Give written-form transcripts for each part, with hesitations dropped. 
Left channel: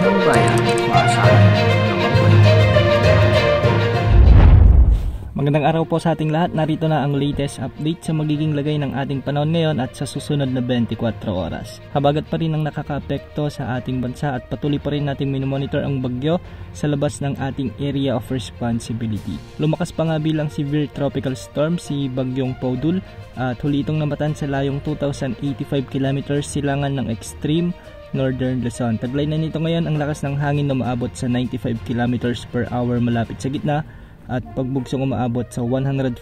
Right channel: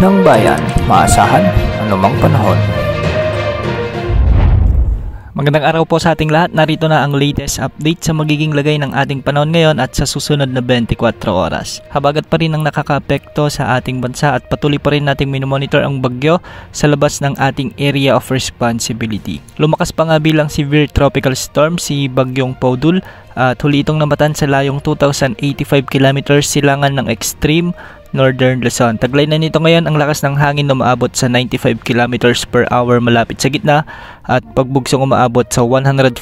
ng bayan, maasahan anumang panahon. Magandang araw po sa ating lahat. Narito na ang latest update sa magiging lagay ng ating panahon ngayon at sa susunod na 24 oras. Habagat pa rin ang nakakaapekto sa ating bansa at patuloy pa rin nating minomonitor ang bagyo sa labas ng ating area of responsibility. Lumakas pa nga bilang severe tropical storm si Bagyong Podul at huli itong namatan sa layong 2,085 km silangan ng extreme Northern Luzon. Taglay na nito ngayon ang lakas ng hangin na umaabot sa 95 km per hour malapit sa gitna at pagbugsong umaabot sa 115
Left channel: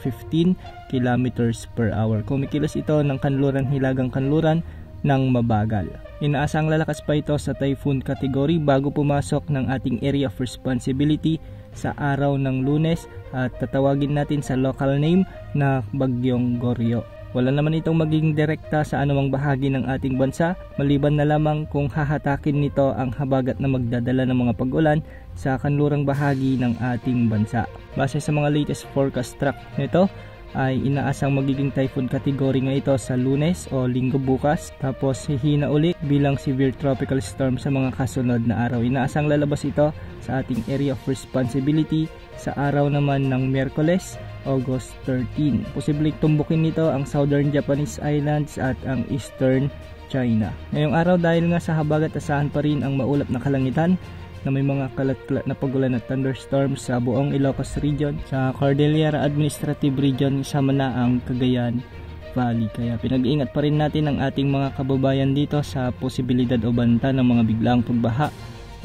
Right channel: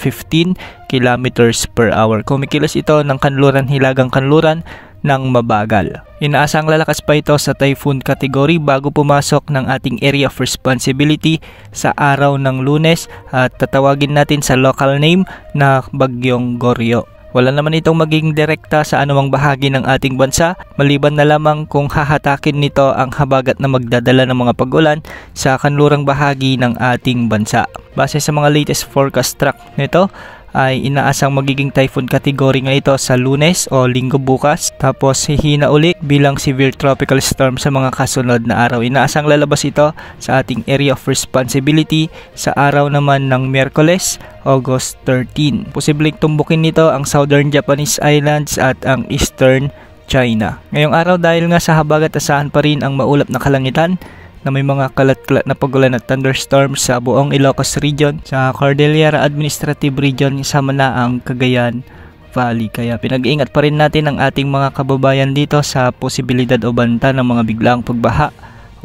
km per hour. Kumikilos ito ng kanluran hilagang kanluran ng mabagal. Inaasang lalakas pa ito sa typhoon category bago pumasok ng ating area of responsibility sa araw ng Lunes at tatawagin natin sa local name na Bagyong Goryo. Wala naman itong magiging direkta sa anumang bahagi ng ating bansa maliban na lamang kung hahatakin nito ang habagat na magdadala ng mga pag-ulan sa kanlurang bahagi ng ating bansa. Base sa mga latest forecast track nito ay inaasang magiging typhoon category nga ito sa Lunes o Linggo bukas, tapos hihina uli bilang severe tropical storm sa mga kasunod na araw. Inaasang lalabas ito sa ating area of responsibility sa araw naman ng Miyerkules, August 13. Posibleng tumbukin nito ang Southern Japanese Islands at ang Eastern China. Ngayong araw dahil nga sa habagat asahan pa rin ang maulap na kalangitan na may mga kalat-kalat na pagulan at thunderstorms sa buong Ilocos Region, sa Cordillera Administrative Region, kasama na ang Cagayan Valley. Kaya pinag-iingat pa rin natin ang ating mga kababayan dito sa posibilidad o banta ng mga biglaang pagbaha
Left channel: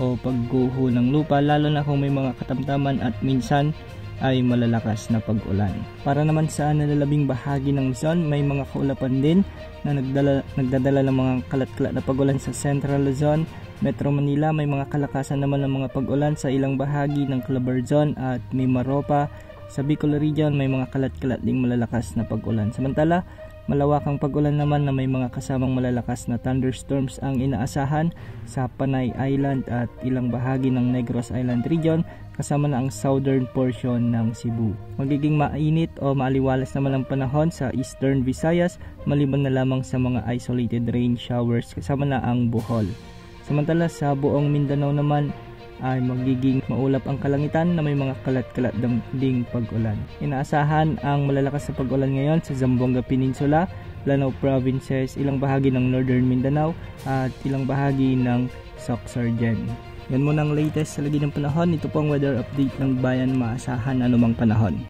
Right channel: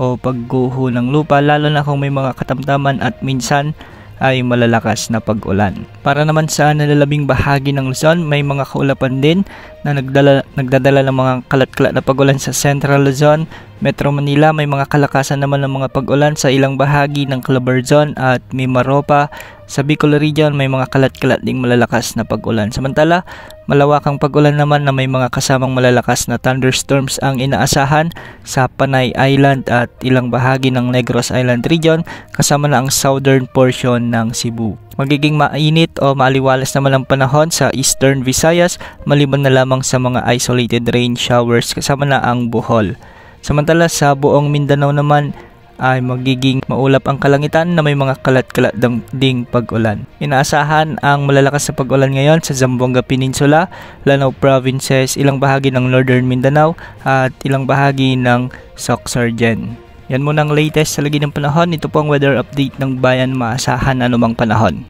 o pagguho ng lupa, lalo na kung may mga katamtaman at minsan ay malalakas na pag-ulan. Para naman sa nalalabing bahagi ng Luzon, may mga kaulapan din na nagdadala ng mga kalat-kalat na pag-ulan sa Central Luzon, Metro Manila. May mga kalakasan naman ng mga pag-ulan sa ilang bahagi ng Calabarzon at Mimaropa. Sa Bicol Region, may mga kalat-kalat ding malalakas na pag-ulan. Samantala, malawakang pag-ulan naman na may mga kasamang malalakas na thunderstorms ang inaasahan sa Panay Island at ilang bahagi ng Negros Island Region, kasama na ang southern portion ng Cebu. Magiging mainit o maaliwalas naman ang panahon sa Eastern Visayas, maliban na lamang sa mga isolated rain showers kasama na ang Bohol. Samantala sa buong Mindanao naman ay magiging maulap ang kalangitan na may mga kalat-kalat ding pag-ulan. Inaasahan ang malalakas na pag-ulan ngayon sa Zamboanga Peninsula, Lanao Provinces, ilang bahagi ng Northern Mindanao at ilang bahagi ng Sorsogon. Yan muna ang latest sa lagi ng panahon. Ito po ang weather update ng bayan, maasahan anumang panahon.